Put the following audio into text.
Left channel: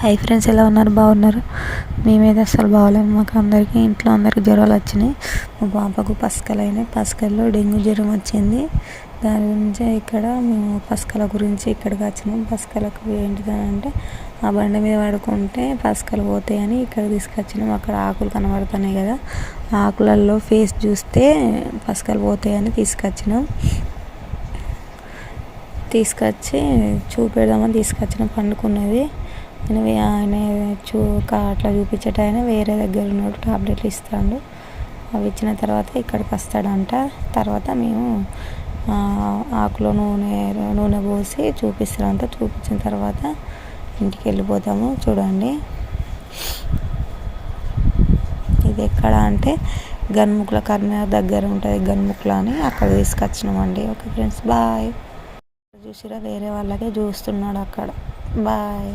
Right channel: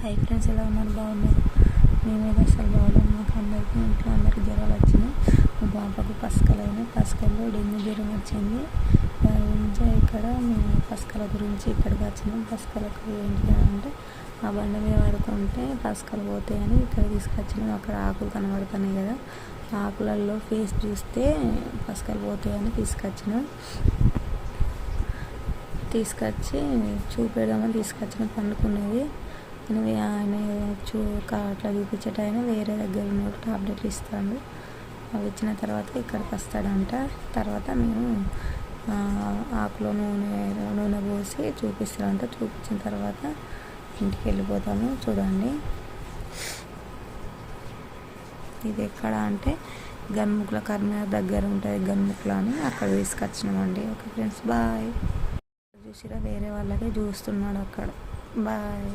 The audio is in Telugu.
హై ఫ్రెండ్స్, ఎలా ఉన్నారు? బాగున్నారు? మేమైతే అస్సలు బాగోలేము. మాకు అందరికీ ఇంట్లో అందరికీ జ్వరాలు వచ్చినాయి. మా పాపకు పసకల్లో డెంగ్యూ జ్వరం వచ్చింది. దాని గురించి ఇక్కడ మేము పసకల గురించి ఇక్కడికి వచ్చినాం. పసకలకు ఏంటిదంటే ఆ బండ మీద పడుకుంటే పసకలు పోతాయని ఇక్కడ తీసుకొచ్చినాం. అక్కడ ఆకులు కనబడుతున్నాయి కదా, ఆకులలో ఫేస్ చూస్తే పసకలు పోతాయని తీసుకొచ్చి చూపెడదామని తీసుకొచ్చినాం. పండుకున్నది. ఆయన అట్లా చూపించేటైనా వేరే దగ్గర ఉన్నట్టు టాబ్లెట్లు ఇస్తాడు. అవి ఇచ్చిన తర్వాత ఇక్కడికి వస్తాడంట. తర్వాత మేము ఆకులో నూనె పోసి చూపిస్తాడంట. చూపించిన తర్వాత ఇంటికి వెళ్ళిపోతాము. చూడండి, ఇది ఎక్కడ అంటే గన్ముక్ల కర్నూలు దగ్గర ఉంటుంది. గన్ముక్ల అని అక్కడ తీసుకొచ్చినామండి. Okay friends, bye. చూసిరా, వేరే వాళ్ళకే చూస్తున్నాడు అక్కడ. బాయ్.